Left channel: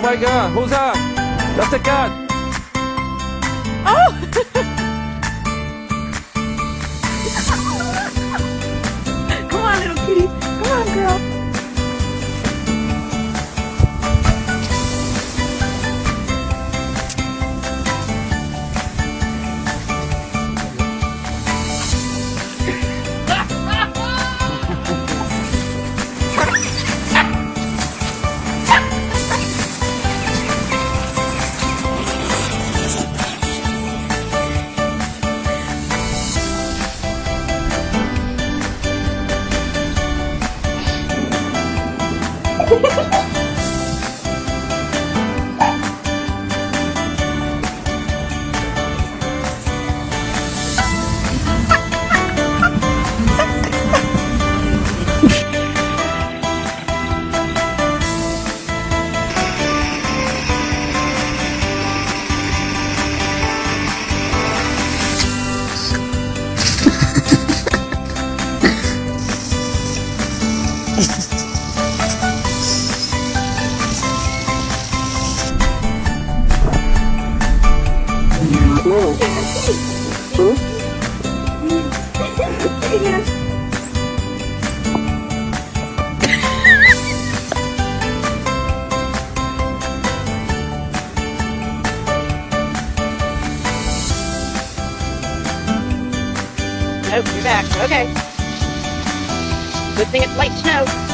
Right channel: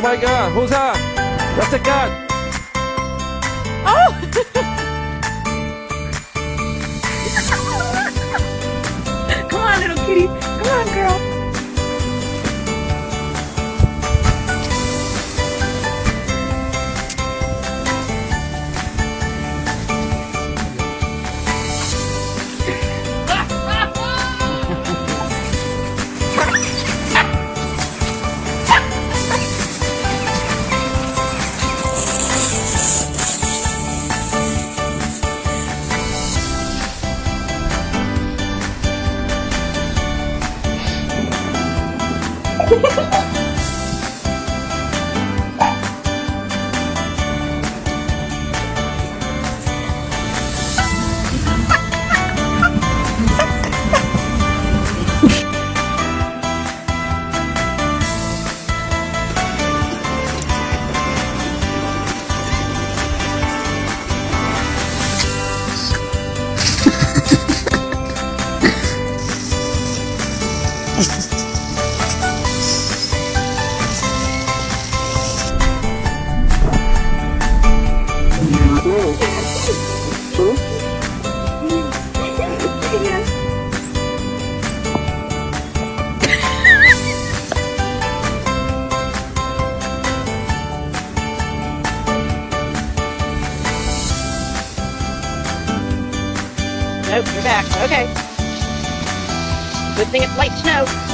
Oh my God, who's that? That's a cat. Oh! Come on, little kitty. Come on, girl. Yes. Nope, you're back. Okay. Good thing it's light snow.